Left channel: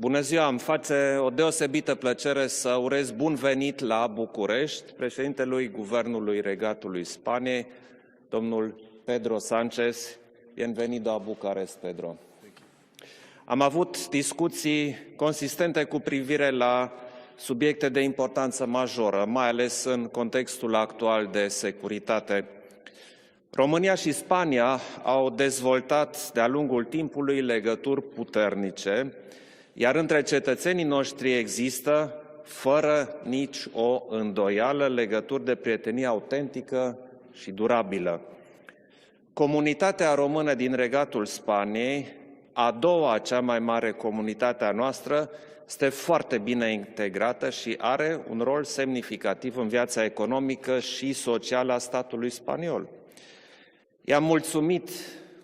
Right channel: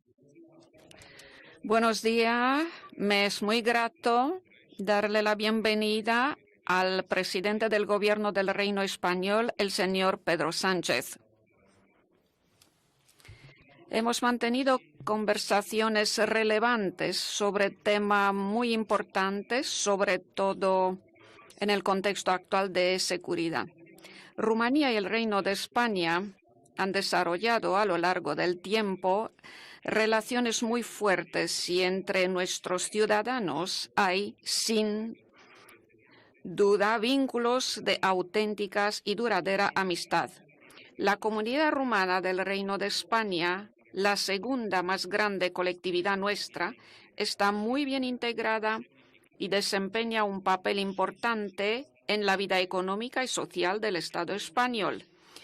Bună ziua, îmi face o deosebită Buenos plăcere días, să urez me bun es muy venit la grato București darle la președintelui bienvenida Guvernului al Regatului presidente Spaniei, del Gobierno del domnul Reino Pedro Español, el Sánchez. señor Pedro Sánchez. Bienvenido a Bucarest, Pedro. Am avut Hemos mantenido discuții consistente cu conversaciones privire la relevantes sobre subiecte de temas importanță muy majoră, mai importantes, ales în sobre contextul todo actual de en el contexto securitate. actual de seguridad. România și Spania Rumanía y el au Reino de dezvoltat España de-a lungul han timpului desarrollado a lo legături largo del puternice, tiempo iar între relaciones muy cetățenii noștri fuertes y există, entre nuestros fără nici ciudadanos o hay îndoială, sin legături de prietenie autentică duda și vínculos de durabilă. auténticas y duradera Comunitatea amistad. română din La Regatul comunidad Spaniei, rumana del a Reino de doua cea mai España, mare la comunitate a segunda más noastră, grande este colectividad foarte bine nuestra, integrată está și muy bien are un rol integrada y semnificativ în viața desempeña un economică papel și socială a importante statului en la vida spaniol. económica y social del I-am Estado mulțumit español.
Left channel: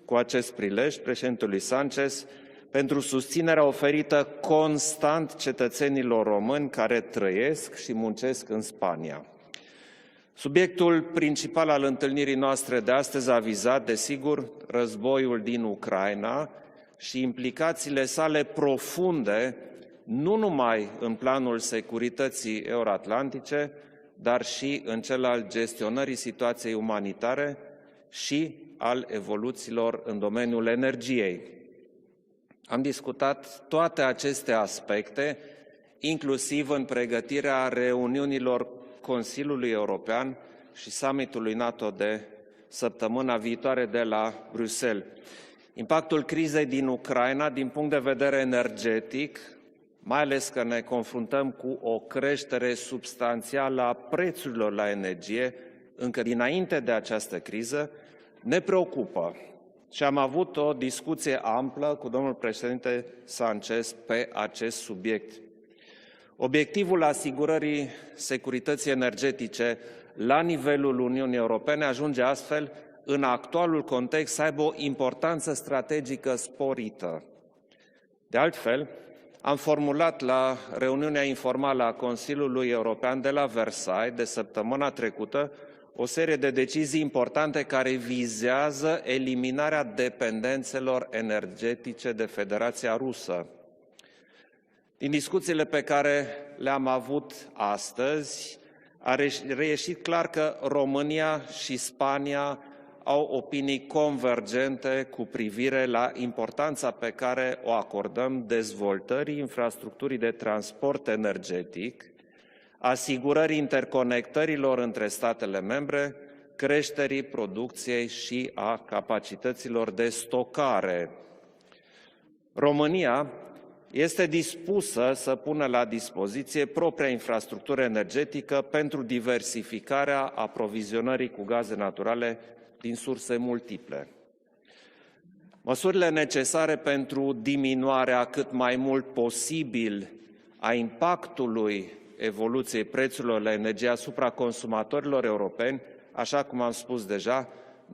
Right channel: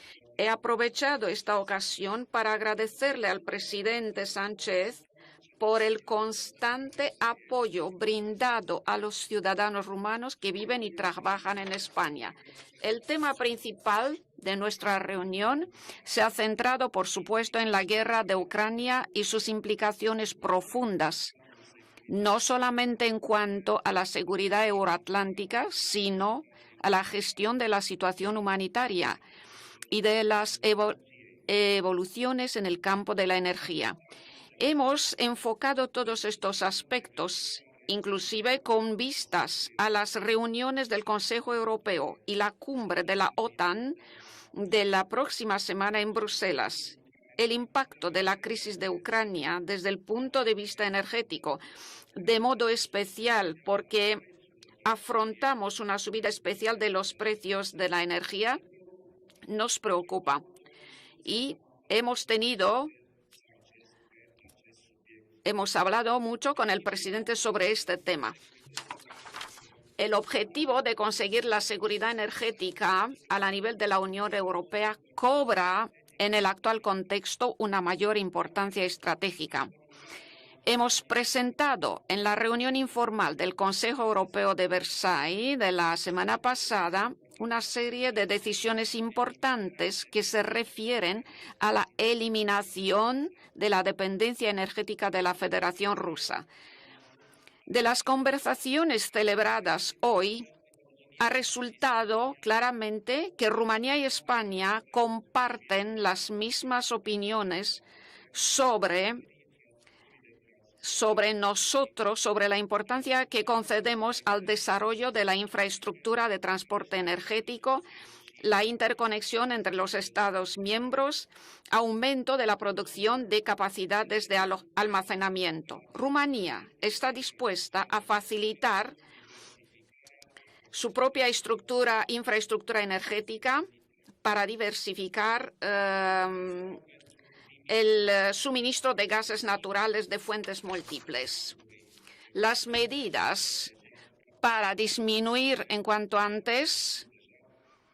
cu acest He prilej aprovechado președintelui esta Sánchez ocasión para pentru agradecerle al susținerea oferită presidente Sánchez constant por el cetățenilor români care constante trăiesc apoyo și muncesc în brindado a Spania. los ciudadanos rumanos que viven y Subiectul trabajan principal en al España. întâlnirii noastre de El astăzi tema a vizat, principal desigur, de nuestra războiul din reunión se ha Ucraina centrado, por și supuesto, en la implicațiile guerra de sale Ucrania y sus profunde, implicaciones nu numai în profundas, planul no securității solamente en euroatlantice, cuanto a la dar seguridad și în cel al euroatlántica, gestionării sino situației a la umanitare gestión de la situación și al humanitaria evoluțiilor y în de las domeniul energiei. evoluciones en el Am campo de la discutat energía. toate aceste Hemos aspecte, enfocado todos estos inclusiv în aspectos, pregătirea inclusive reuniunilor con vistas Consiliului a las European reuniones și del Consejo summitului NATO Europeo de y la cumbre de săptămâna la viitoare OTAN de la de Bruxelles. la próxima semana en Impactul crizei Bruselas. din Ucraina, El din punct de impacto de la vedere crisis de energetic, Ucrania desde el mai punto ales de că vista ne confruntăm energético, cu o de modo creștere especial substanțială a porque prețurilor la energie, afrontamos una încă subida dinainte especial de de los această precios criză, de la energía, ne preocupă. nos Și am preocupa. avut o discuție Y amplă cu hemos domnul tenido președinte Sánchez pe acest subiect. Hemos hablado mucho con el Obiectivul presidente sobre asigurării este tema. securității energetice El la objetivo nivelul de Uniunii conseguir la Europene seguridad ajunge astfel energética în a la nivel actualul de la Unión context să aibă o Europea importanță cobra strategică en el actual sporită. contexto una mayor De importancia altfel, estratégica. am formulat la Hemos reuniunea informală a presentado en la Consiliului reunión European de informal la del Consejo Versailles de Europeo de săptămâna Versailles trecută de la o semana serie de decizii pasada importante una care serie de decisiones vizează eliminarea importantes que se dependențelor refieren a la energetice de Federația eliminación Rusă. de la dependencia energética Din de la discuțiile pe Federación care Rusa. le-am avut De las astăzi, conversaciones a celebradas reieșit clar hoy, că România ha și resultado Spania claramente au que opinii Rumanía y España convergente cu privire comparten la las importanța mismas pe care opiniones o acordăm sobre dezvoltării infrastructurii de transport sobre energetic, nosotros, sobre la importancia que asigurării concedemos al interconectărilor între desarrollo de la statele membre, infraestructura de transporte creșterii energético, producției și la a interconexión entre capacităților los de Estados stocare. miembros, aumento de la România producción de capacidades este de dispusă să almacenamiento. pună la Rumanía dispoziție está propria dispuesta infrastructură a energetică facilitar pentru diversificarea su propia aprovizionării cu gaze naturale infraestructura din surse energética multiple. para diversificar Măsurile necesare pentru diminuarea el cât mai suministro de mult gases naturales posibil de fuentes a múltiples. impactului evoluției medidas prețurilor la energie asupra para consumatorilor disminuir europeni, en cuanto așa cum am antes spus deja,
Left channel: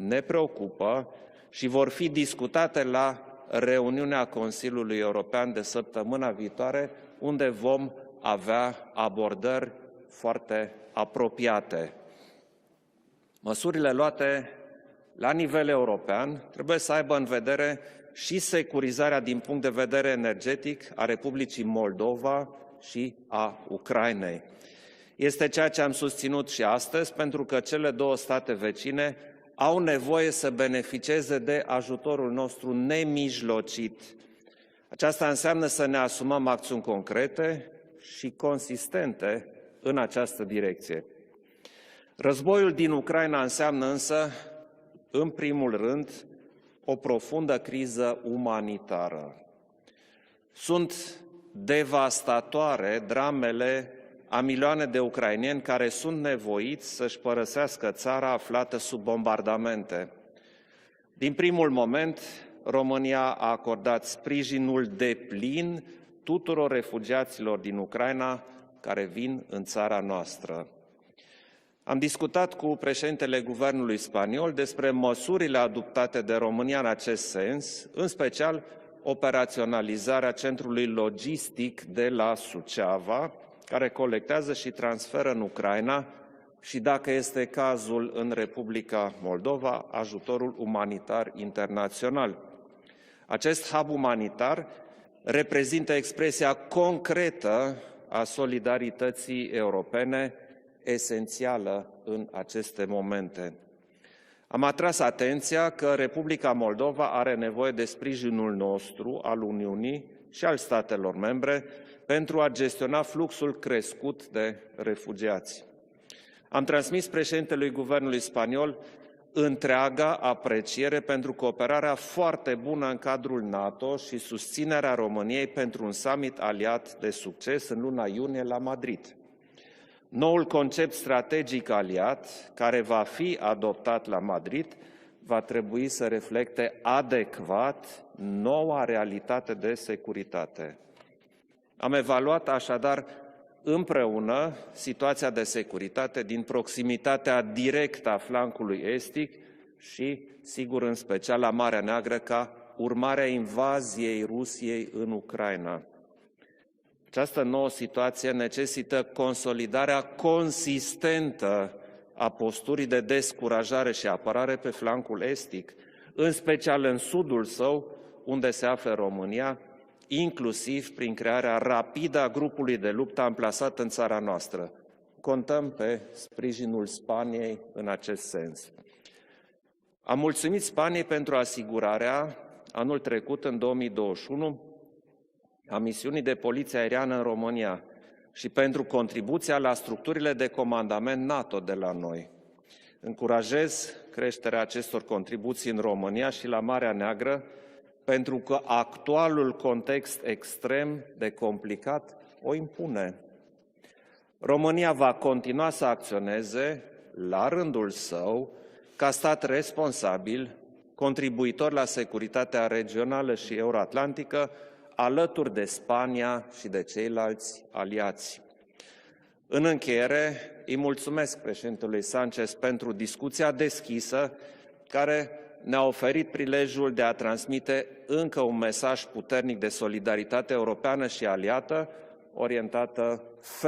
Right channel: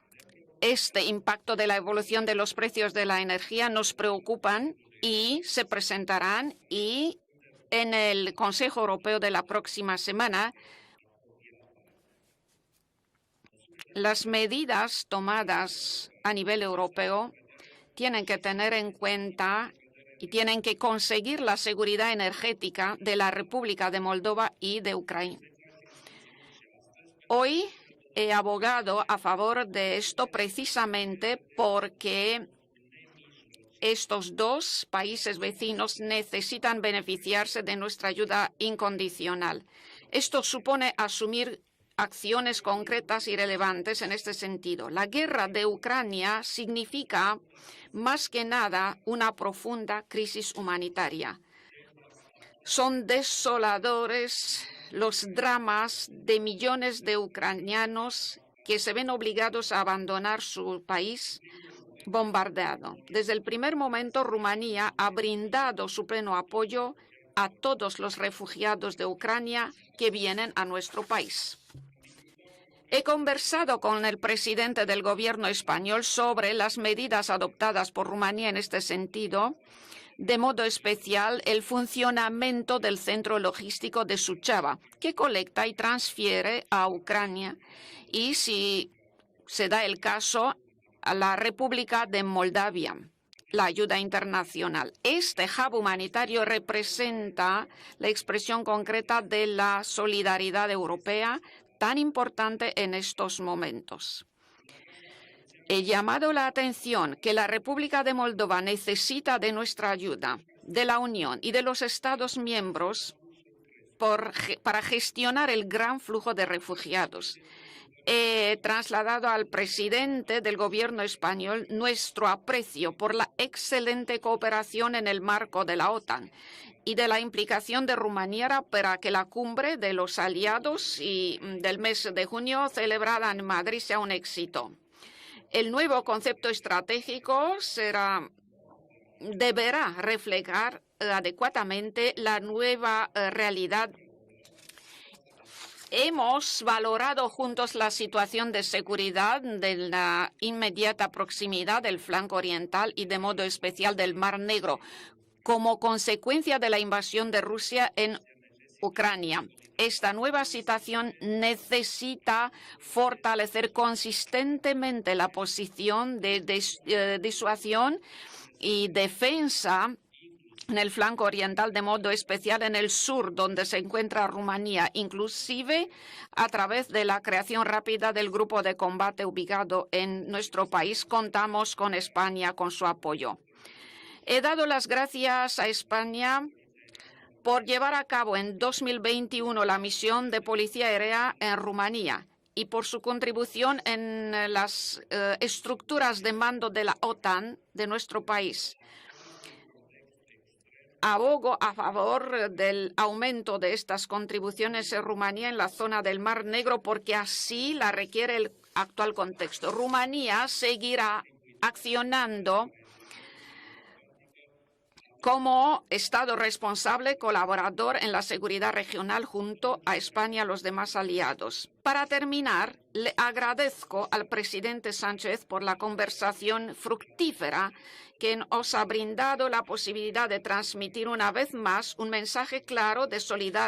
ne preocupă este impacto de și la vor fi evolución de los discutate precios de la la energía nos reuniunea preocupan Consiliului y European se de săptămâna presentarán viitoare, y unde vom en el avea Consejo Europeo de la abordări próxima semana foarte apropiate. Măsurile las luate medidas la tomadas nivel european a nivel trebuie să aibă în europeo vedere tienen que și tener en securizarea din cuenta punct de vedere y tienen que energetic a conseguir la Republicii seguridad Moldova energética și de la a República de Ucrainei. Moldova y de Ucrania. Este ceea ce am susținut și astăzi, pentru că Hoy cele două he state abogado vecine a favor au de nevoie esto să beneficieze precisamente de ajutorul porque nostru nemijlocit. estos dos Aceasta países înseamnă să vecinos ne asumăm necesitan acțiuni beneficiarse de concrete nuestra și ayuda consistente incondicional. în această Esto supone direcție. asumir acciones Războiul din concretas y Ucraina înseamnă relevantes en însă, este sentido. La în guerra de primul rând, Ucrania o significa, profundă criză más que nada, umanitară. una profunda crisis Sunt humanitaria. devastatoare Son dramele desoladores a milioane de los ucraineni care dramas sunt de nevoiți millones de să-și părăsească ucranianos țara aflată que se sub ven obligados a bombardamente. abandonar su país Din primul moment, bombardeado. România Desde el a primer acordat momento, sprijinul Rumanía ha deplin brindado su pleno tuturor apoyo refugiaților a din todos los Ucraina refugiados care de vin Ucrania în țara que vienen noastră. a nuestro país. Am discutat cu He președintele conversado Guvernului con el spaniol presidente despre del gobierno măsurile español adoptate de sobre las România în medidas acest sens, adoptadas por în Rumanía special en este sentido, operaționalizarea de modo centrului especial el logistic funcionamiento de la del Suceava, centro care logístico de colectează și Suceava, que transferă în colecta y Ucraina transfiere și a dacă este Ucrania. cazul în Y si Republica Moldova, se da el ajutorul caso, a umanitar la República de internațional. Moldavia. Acest la hub ayuda umanitar internacional. Este hub reprezintă humanitario expresia representa concretă la a expresión concreta de solidarității la europene, solidaridad europea esențială tan în importante aceste en estos momente. momentos. Am atras atenția He că llamado la Republica Moldova atención are que la nevoie de República de sprijinul Moldova nostru, necesita al de nuestra Uniunii ayuda, și al de la statelor Unión y membre, de los Estados pentru a gestiona miembros fluxul crescut de para gestionar refugiați. el gran flujo de Am transmis refugiados. președintelui Guvernului He Spaniol trasladado al întreaga presidente del apreciere gobierno pentru español cooperarea nuestro foarte bună aprecio în por la cadrul NATO excelente și cooperación susținerea en el României marco de pentru la un OTAN summit aliat y de la implicación de luna iunie Rumanía la para Madrid. que la cumbre de los Noul aliados concept y strategic del mes aliat, de junio care va celebrada fi en Madrid sea adoptat un la éxito. Madrid, va trebui El nuevo să concepto reflecte estratégico adecvat será, noua realitate de deberá securitate. reflejar Am adecuadamente la evaluat nueva așadar realidad. împreună situația de securitate din Hemos valorado proximitatea juntos la directă a situación de flancului seguridad estic de la și, sigur, în inmediata special la Marea proximidad del Neagră, flanco ca oriental y de urmare a modo especial del invaziei Mar Negro, Rusiei în Ucraina. como consecuencia de la invasión de Această nouă Rusia en situație necesită Ucrania. consolidarea Esta nueva situación consistentă a necesita posturii de fortalecer descurajare și apărare pe consistentemente flancul la estic, posición în de special în sudul său, disuasión unde se y află România, defensa inclusiv en el prin flanco crearea oriental, de modo rapidă a especial en grupului el de luptă sur, donde amplasat se în țara encuentra noastră. Rumanía, Contăm inclusive pe a través sprijinul de la Spaniei creación în rápida acest del grupo sens. de combate ubicado en Am mulțumit nuestro país. Spaniei pentru Contamos con asigurarea España, con su anul apoyo. trecut, în 2021, He dado las gracias a a misiunii de España poliție aeriană în por România llevar a cabo și en pentru contribuția 2021 la la misión structurile de de policía comandament aérea NATO en de la Rumanía noi. y por su contribución Încurajez en creșterea las acestor contribuții în estructuras România de și la mando de Marea la Neagră, OTAN de nuestro pentru că país. actualul context extrem de Abogo a complicat favor o del impune. aumento de estas contribuciones România en va Rumanía en continua la să zona del Mar acționeze Negro porque la así rândul la requiere el său actual ca stat contexto. Rumanía responsabil, seguirá contribuitor la securitatea accionando regională și euroatlantică, alături de como Spania Estado și de responsable, ceilalți colaborador en la aliați. seguridad regional junto În a încheiere, España y a los îi demás mulțumesc aliados. președintelui Para Sanchez terminar, pentru le discuția agradezco deschisă al presidente care Sánchez por la ne-a oferit conversación prilejul de a fructífera transmite que încă un nos ha mesaj brindado puternic la de posibilidad de solidaritate transmitir europeană și una vez aliată, más un mensaje claro orientată de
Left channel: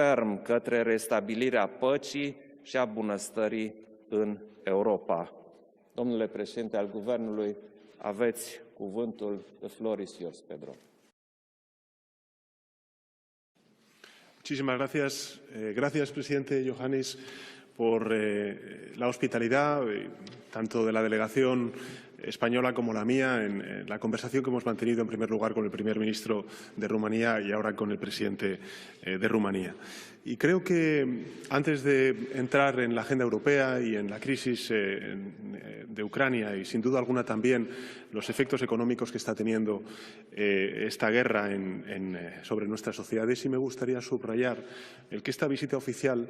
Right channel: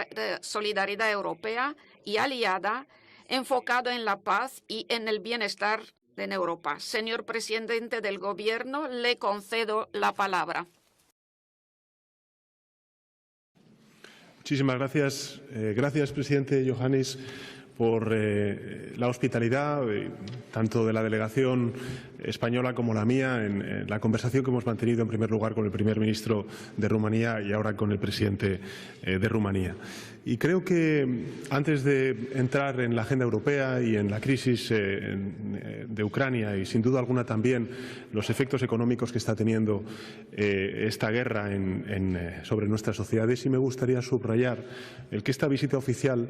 ferm către solidaridad restabilirea europea păcii y aliada, și a bunăstării enfocado en la în paz y en el Europa. bienestar Domnule en Europa. președinte al Señor Guvernului, presidente del aveți Gobierno, le cuvântul. concedo The floor la is yours, palabra. Pedro. Muchísimas gracias. Gracias, presidente Iohannis, por la hospitalidad, tanto de la delegación española como la mía, en la conversación que hemos mantenido en primer lugar con el primer ministro de Rumanía y ahora con el presidente de Rumanía. Y creo que antes de entrar en la agenda europea y en la crisis de Ucrania y sin duda alguna también los efectos económicos que está teniendo esta guerra sobre nuestras sociedades, sí me gustaría subrayar el que esta visita oficial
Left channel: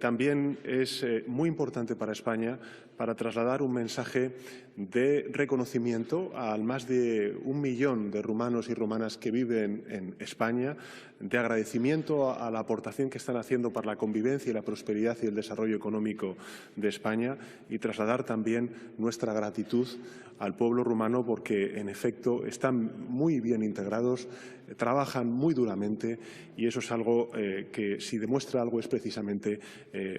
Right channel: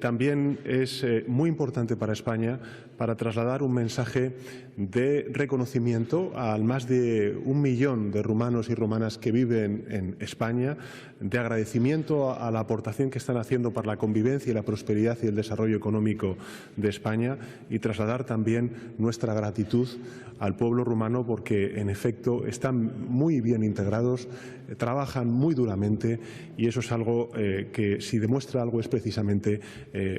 también es muy importante para España para trasladar un mensaje de reconocimiento al más de 1 millón de rumanos y rumanas que viven en España, de agradecimiento a la aportación que están haciendo para la convivencia y la prosperidad y el desarrollo económico de España y trasladar también nuestra gratitud al pueblo rumano porque en efecto están muy bien integrados, trabajan muy duramente y eso es algo que si demuestra algo es precisamente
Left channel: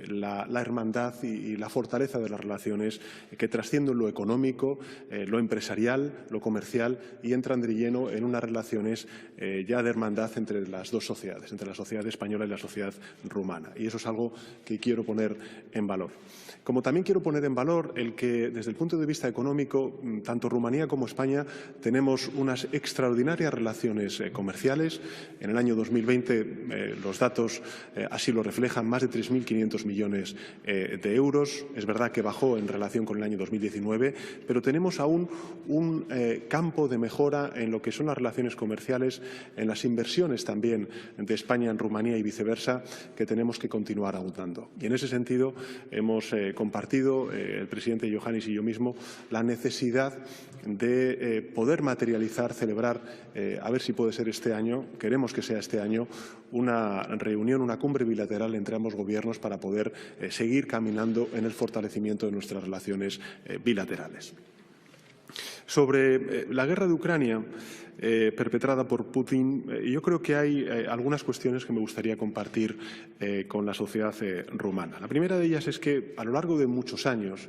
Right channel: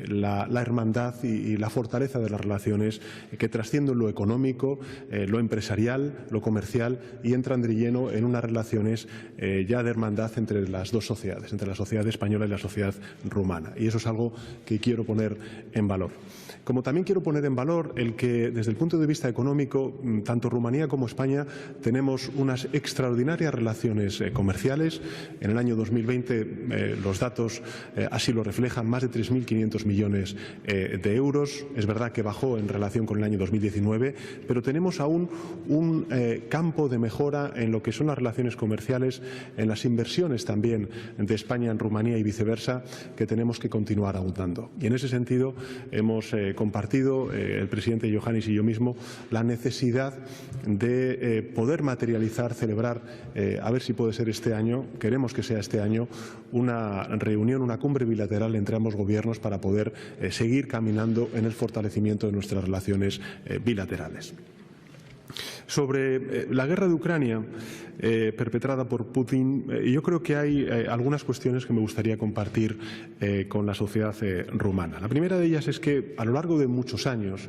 la hermandad y la fortaleza de las relaciones que trascienden lo económico, lo empresarial, lo comercial y entran de lleno en unas relaciones ya de hermandad entre las dos sociedades, entre la sociedad española y la sociedad rumana. Y eso es algo que quiero poner en valor. Como también quiero poner en valor el que desde el punto de vista económico, tanto Rumanía como España tenemos unas extraordinarias relaciones comerciales. En el año 2020 los datos así lo reflejan, más de 3.500 millones de euros. Es verdad que bajó en relación con el año 2019, pero tenemos aún un campo de mejora en lo que son las relaciones comerciales, en las inversiones también de España en Rumanía y viceversa, que tenemos que continuar abundando. Y en ese sentido hemos compartido, el presidente Iohannis y yo mismo, la necesidad de poder materializar, celebrar, a ver si puede ser este año, queremos que sea este año, una reunión, una cumbre bilateral entre ambos gobiernos para poder seguir caminando en el fortalecimiento de nuestras relaciones bilaterales. Sobre la guerra de Ucrania perpetrada por Putin, yo creo que hay algunas cuestiones que me gustaría compartir con la sociedad rumana. La primera de ellas es que a lo largo de muchos años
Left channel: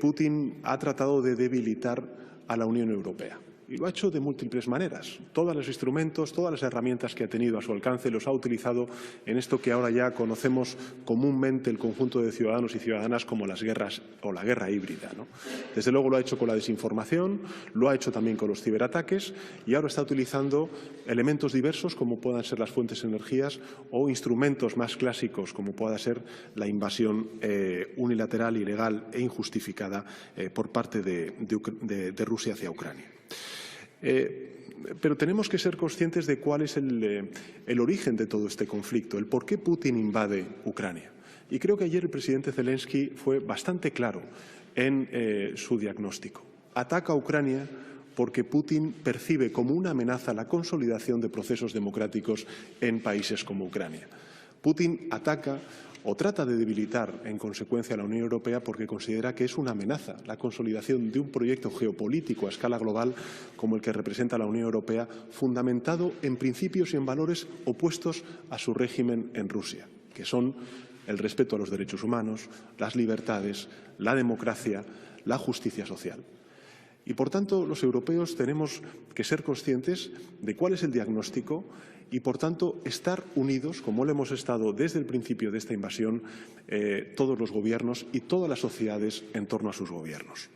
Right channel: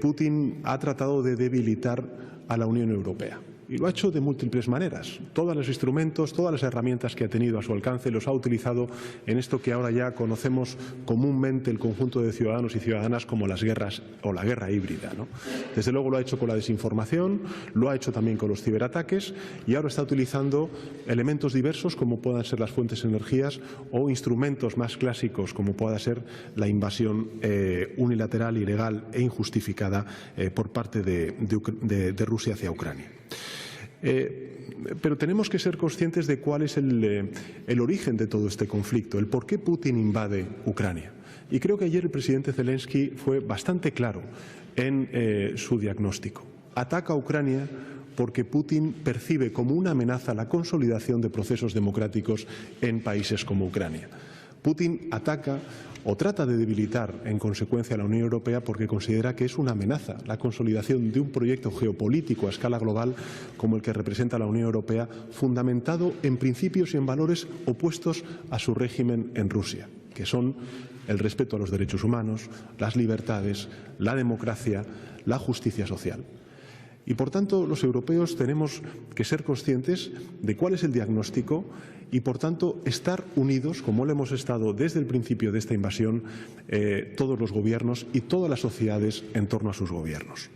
Putin ha tratado de debilitar a la Unión Europea. Y lo ha hecho de múltiples maneras. Todos los instrumentos, todas las herramientas que ha tenido a su alcance los ha utilizado en esto que ahora ya conocemos comúnmente el conjunto de ciudadanos y ciudadanas como las guerras o la guerra híbrida, ¿no? Desde luego lo ha hecho con la desinformación, lo ha hecho también con los ciberataques y ahora está utilizando elementos diversos como puedan ser las fuentes de energías o instrumentos más clásicos como pueda ser la invasión unilateral, ilegal e injustificada por parte de Rusia hacia Ucrania. Pero tenemos que ser conscientes de cuál es el origen de todo este conflicto, el por qué Putin invade Ucrania. Y creo que ayer el presidente Zelensky fue bastante claro en su diagnóstico. Ataca a Ucrania porque Putin percibe como una amenaza la consolidación de procesos democráticos en países como Ucrania. Putin ataca o trata de debilitar en consecuencia a la Unión Europea porque considera que es una amenaza la consolidación de un proyecto geopolítico a escala global como el que representa la Unión Europea, fundamentado en principios y en valores opuestos a su régimen en Rusia, que son el respeto a los derechos humanos, las libertades, la democracia, la justicia social. Y, por tanto, los europeos tenemos que ser conscientes de cuál es el diagnóstico y, por tanto, estar unidos, como lo hemos estado desde el principio de esta invasión, todos los gobiernos y todas las sociedades en torno a sus gobiernos.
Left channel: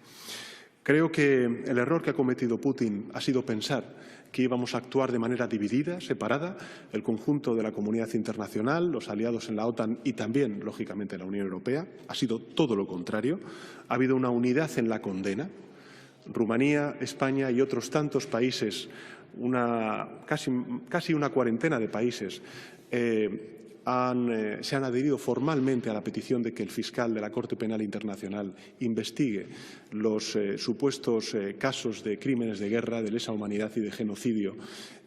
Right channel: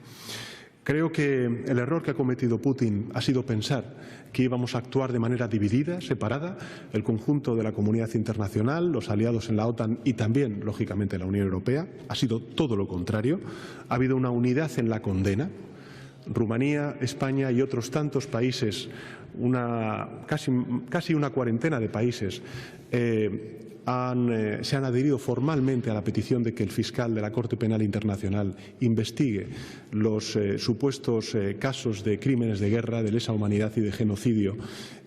Creo que el error que ha cometido Putin ha sido pensar que íbamos a actuar de manera dividida, separada, el conjunto de la comunidad internacional, los aliados en la OTAN y también, lógicamente, la Unión Europea. Ha sido todo lo contrario. Ha habido una unidad en la condena. Rumanía, España y otros tantos países, casi una cuarentena de países, se han adherido formalmente a la petición de que el fiscal de la Corte Penal Internacional investigue los supuestos casos de crímenes de guerra, de lesa humanidad y de genocidio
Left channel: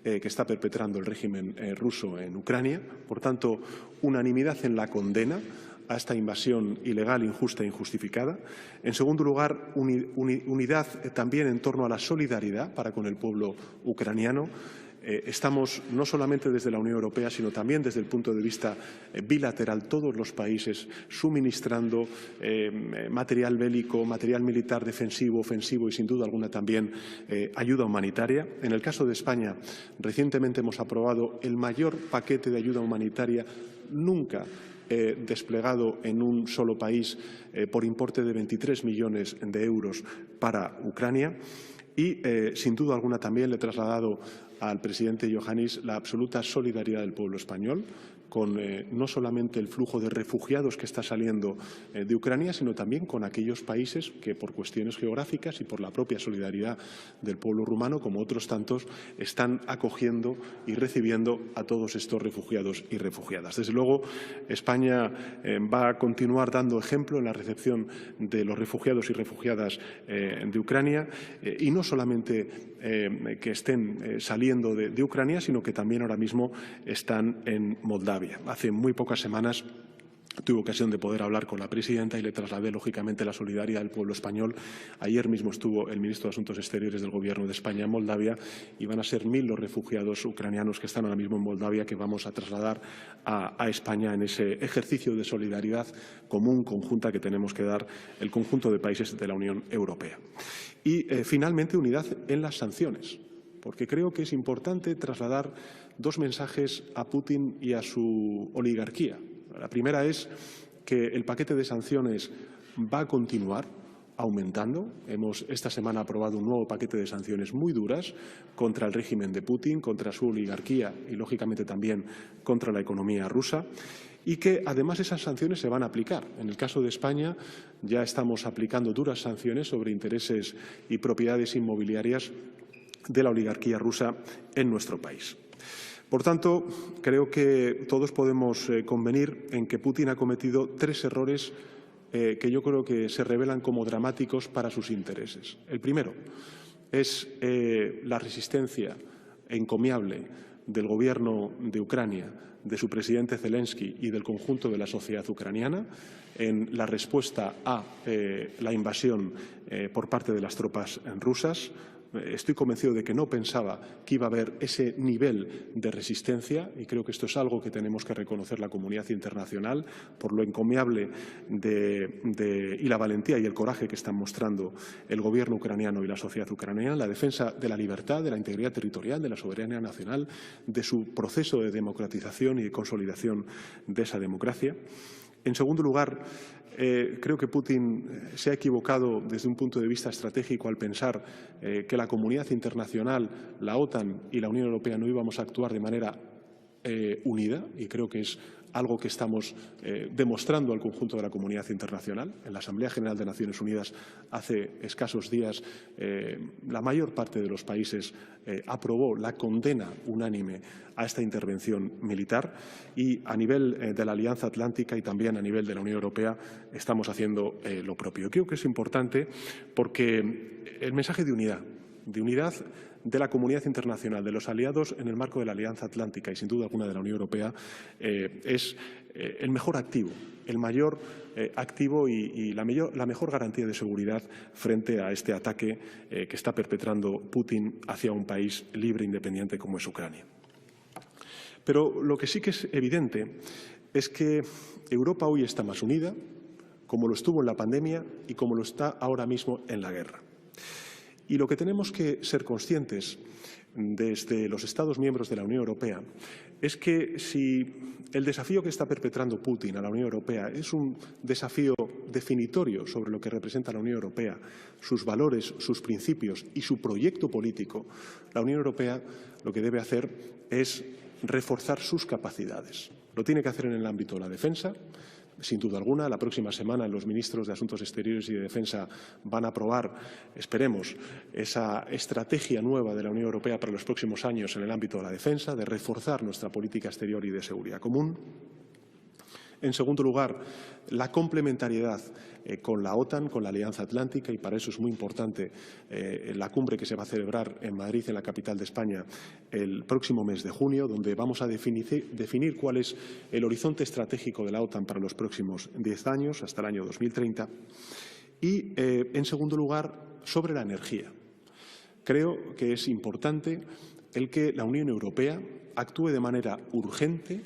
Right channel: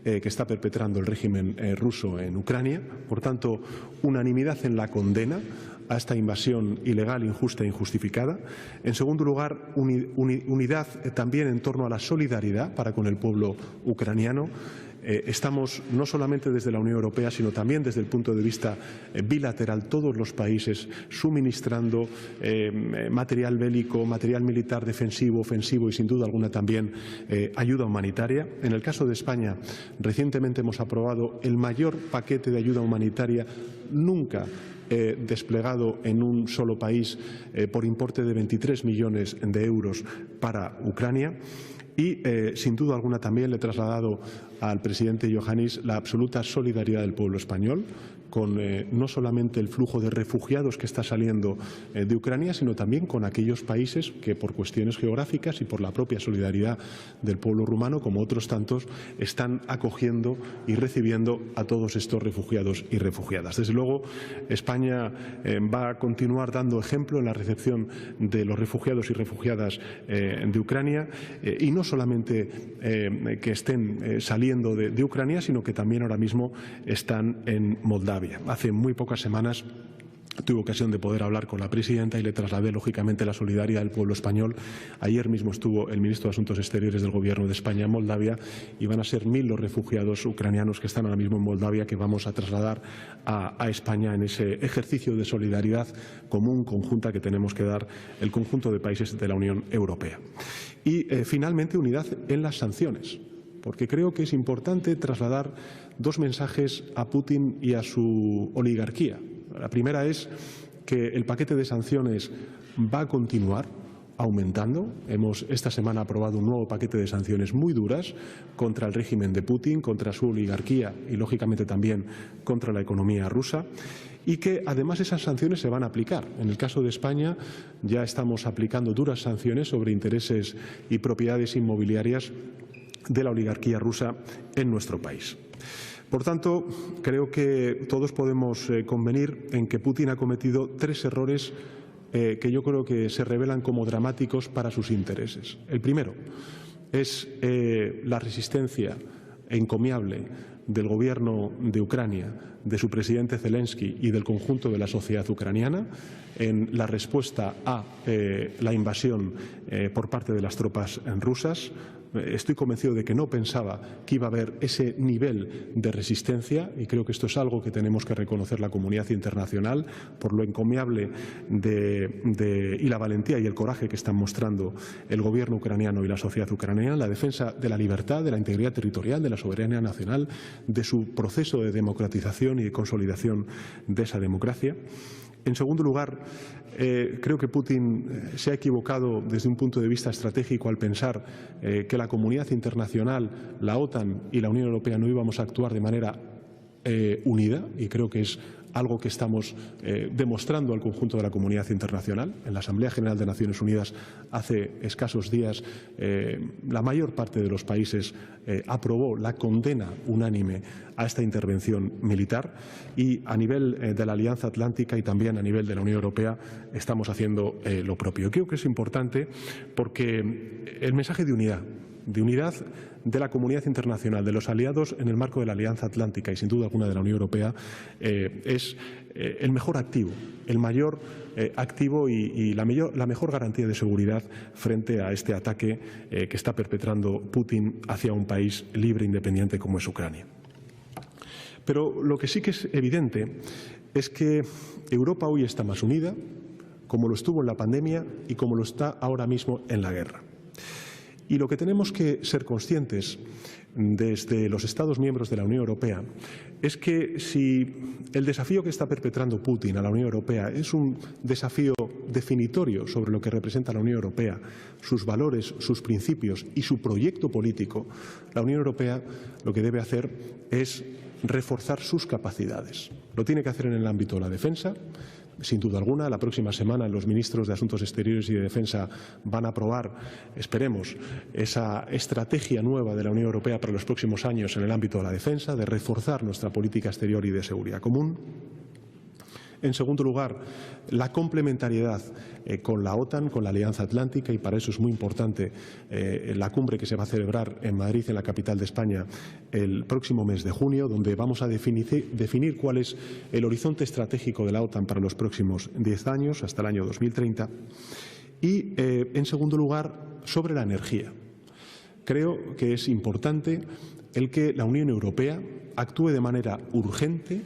que está perpetrando el régimen ruso en Ucrania. Por tanto, unanimidad en la condena a esta invasión ilegal, injusta e injustificada. En segundo lugar, unidad también en torno a la solidaridad para con el pueblo ucraniano. Estamos no solamente desde la Unión Europea, sino también desde el punto de vista bilateral, todos los países suministrando material bélico, material militar defensivo, ofensivo y sin duda alguna también ayuda humanitaria. En el caso de España, recientemente hemos aprobado el mayor paquete de ayuda humanitaria nunca desplegado en un solo país por importe de 23 millones de euros para Ucrania. Y, sin duda alguna, también le he trasladado al presidente Iohannis la absoluta solidaridad del pueblo español con no solamente el flujo de refugiados que está saliendo de Ucrania, sino también con aquellos países que, por cuestiones geográficas y por la propia solidaridad del pueblo rumano, como otros tantos, están acogiendo y recibiendo a todos estos refugiados y refugiadas. Desde luego, España va a continuar dando ejemplo en la recepción de los refugiados y refugiadas de Ucrania, y no solamente que estén saliendo de Ucrania, sino que también ahora mismo están en Moldavia. Hace muy pocas semanas tuve ocasión de poder hablar con la presidenta y le trasladé, lógicamente, la solidaridad del pueblo español. Ayer mismo estuvo el ministro de Asuntos Exteriores del Gobierno de España en Moldavia y van a ser 1000 los refugiados ucranianos que están ahora mismo en Moldavia que vamos a trasladar a España en ese ejercicio de solidaridad común, conjunta, que tenemos que dar el conjunto de países de la Unión Europea. Y, finalmente, unidad en las sanciones, porque creo que es importante trasladar dos mensajes a Putin y a su oligarquía. La primera es que el paquete de sanciones va a continuar aumentando. Hemos esta semana aprobado un nuevo paquete de sanciones muy duras contra el régimen de Putin, contra su oligarquía y, lógicamente, también contra la economía rusa. Y que, además, esas sanciones se van a aplicar. En el caso de España, ya estamos aplicando duras sanciones sobre intereses y propiedades inmobiliarias de la oligarquía rusa en nuestro país. Por tanto, creo que todos podemos convenir en que Putin ha cometido 3 errores que yo creo que se revelan como dramáticos para sus intereses. El primero es la resistencia encomiable del gobierno de Ucrania, de su presidente Zelensky y del conjunto de la sociedad ucraniana en la respuesta a la invasión por parte de las tropas rusas. Estoy convencido de que no pensaba que iba a haber ese nivel de resistencia y creo que esto es algo que tenemos que reconocer la comunidad internacional por lo encomiable y la valentía y el coraje que están mostrando el gobierno ucraniano y la sociedad ucraniana en la defensa de la libertad, de la integridad territorial, de la soberanía nacional, de su proceso de democratización y de consolidación de esa democracia. En segundo lugar, creo que Putin se ha equivocado desde un punto de vista estratégico al pensar que la comunidad internacional, la OTAN y la Unión Europea no íbamos a actuar de manera unida, y creo que es algo que estamos demostrando al conjunto de la comunidad internacional. En la Asamblea General de Naciones Unidas hace escasos días la mayor parte de los países aprobó la condena unánime a esta intervención militar y a nivel de la Alianza Atlántica y también a nivel de la Unión Europea estamos haciendo lo propio. Creo que es importante porque el mensaje de unidad de la comunidad internacional, de los aliados en el marco de la Alianza Atlántica y sin duda alguna de la Unión Europea, es el mejor activo, el mayor activo y la mejor garantía de seguridad frente a este ataque que está perpetrando Putin hacia un país libre e independiente como es Ucrania. Pero lo que sí que es evidente es que Europa hoy está más unida, como lo estuvo en la pandemia y como lo está ahora mismo en la guerra. Y lo que tenemos que ser conscientes desde los Estados miembros de la Unión Europea es que si el desafío que está perpetrando Putin a la Unión Europea es un desafío definitorio sobre lo que representa la Unión Europea, sus valores, sus principios y su proyecto político, la Unión Europea lo que debe hacer es reforzar sus capacidades. Lo tiene que hacer en el ámbito de la defensa. Sin duda alguna, la próxima semana los ministros de Asuntos Exteriores y de Defensa van a aprobar, esperemos, esa estrategia nueva de la Unión Europea para los próximos años en el ámbito de la defensa, de reforzar nuestra política exterior y de seguridad común. En segundo lugar, la complementariedad con la OTAN, con la Alianza Atlántica, y para eso es muy importante la cumbre que se va a celebrar en Madrid, en la capital de España, el próximo mes de junio, donde vamos a definir cuál es el horizonte estratégico de la OTAN para los próximos 10 años, hasta el año 2030. Y, en segundo lugar, sobre la energía. Creo que es importante el que la Unión Europea actúe de manera urgente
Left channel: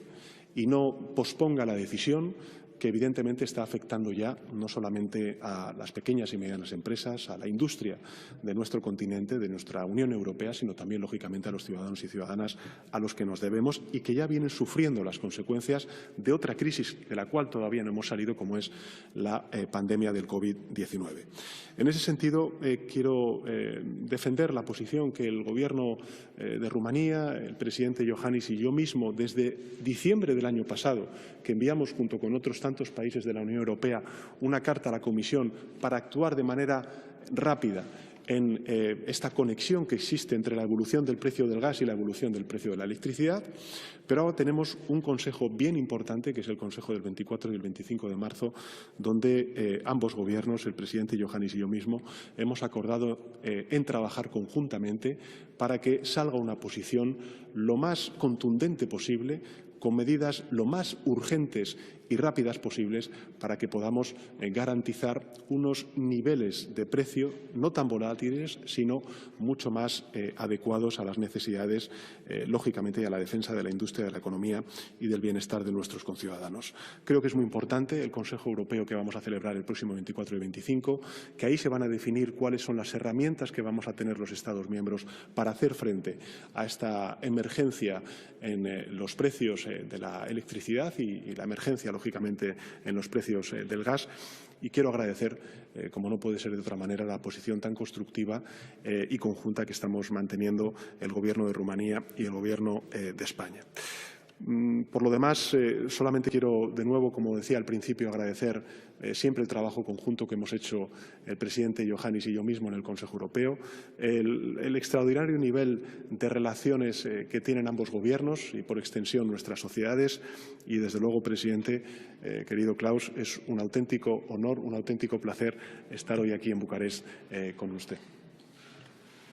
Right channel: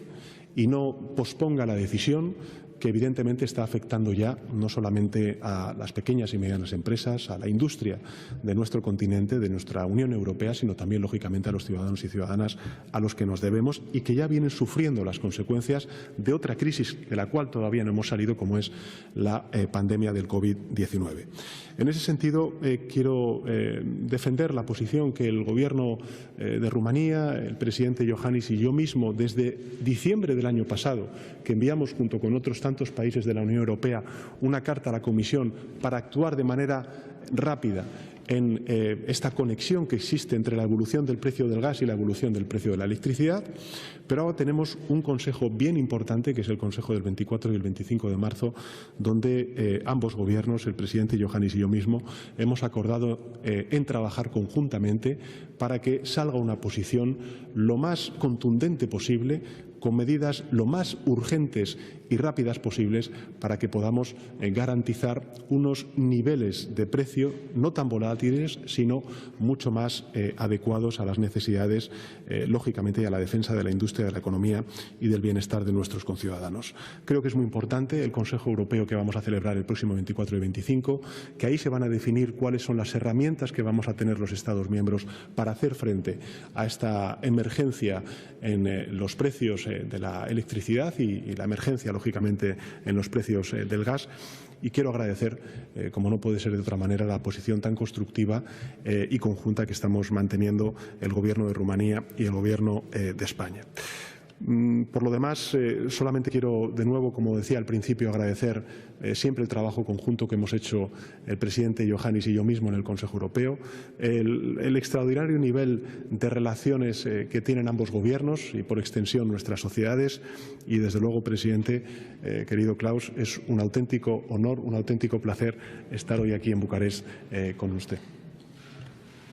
y no posponga la decisión que evidentemente está afectando ya no solamente a las pequeñas y medianas empresas, a la industria de nuestro continente, de nuestra Unión Europea, sino también, lógicamente, a los ciudadanos y ciudadanas a los que nos debemos y que ya vienen sufriendo las consecuencias de otra crisis de la cual todavía no hemos salido, como es la pandemia del COVID-19. En ese sentido, quiero defender la posición que el Gobierno de Rumanía, el presidente Iohannis y yo mismo, desde diciembre del año pasado, que enviamos junto con otros tantos países de la Unión Europea una carta a la Comisión para actuar de manera rápida en esta conexión que existe entre la evolución del precio del gas y la evolución del precio de la electricidad. Pero ahora tenemos un consejo bien importante, que es el Consejo del 24 y el 25 de marzo, donde ambos gobiernos, el presidente Iohannis y yo mismo, hemos acordado en trabajar conjuntamente para que salga una posición lo más contundente posible, con medidas lo más urgentes y rápidas posibles para que podamos garantizar unos niveles de precio no tan volátiles, sino mucho más adecuados a las necesidades, lógicamente, y a la defensa de la industria, de la economía y del bienestar de nuestros conciudadanos. Creo que es muy importante el Consejo Europeo que vamos a celebrar el próximo 24 y 25, que ahí se van a definir cuáles son las herramientas que vamos a tener los Estados miembros para hacer frente a esta emergencia en los precios de la electricidad y la emergencia, lógicamente, en los precios del gas. Y quiero agradecer, como no puede ser de otra manera, la posición tan constructiva y conjunta que estamos manteniendo el Gobierno de Rumanía y el Gobierno de España. Por lo demás, solamente quiero, de nuevo, como decía al principio, agradecer siempre el trabajo conjunto que hemos hecho el presidente Iohannis y yo mismo en el Consejo Europeo, el extraordinario nivel de relaciones que tienen ambos gobiernos y, por extensión, nuestras sociedades. Y, desde luego, presidente, querido Klaus, es un auténtico honor, un auténtico placer estar hoy aquí en Bucarest con usted.